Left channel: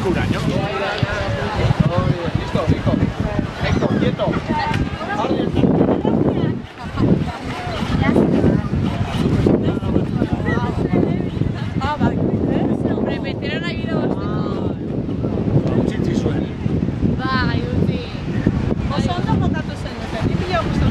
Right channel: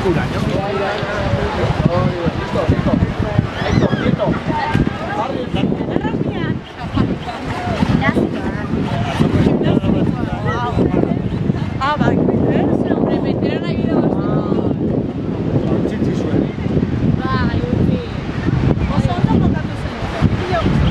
lekuraino. Quieto. Ah, bai. Repetieron ahí dos. Utzi zuen. Bai, utzi. Oso ondo montatu zen. Pilo oso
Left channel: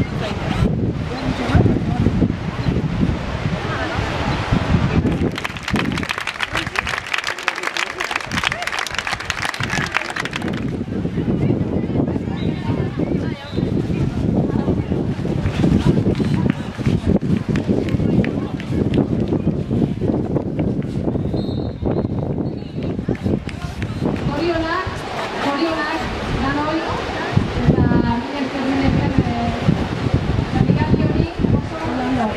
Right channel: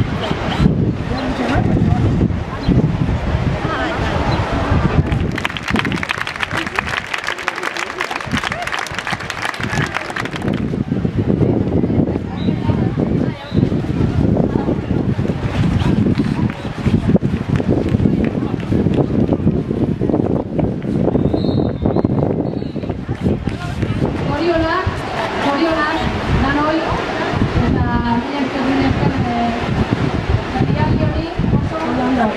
Zorionak, danoi, eta mila ezker berrialdi hori oso ondo.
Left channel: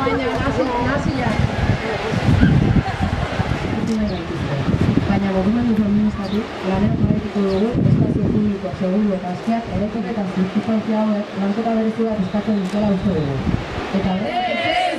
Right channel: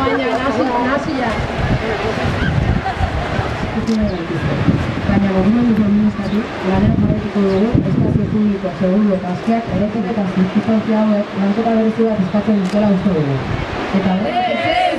Baina, nazia. Baina gobernu administratik lanean jarraituko dugu espazio publiko seguru eta askeak eretek eta zirkustantzia hauek lanketa berezi bat eskatzen dutela uste dugu. Eta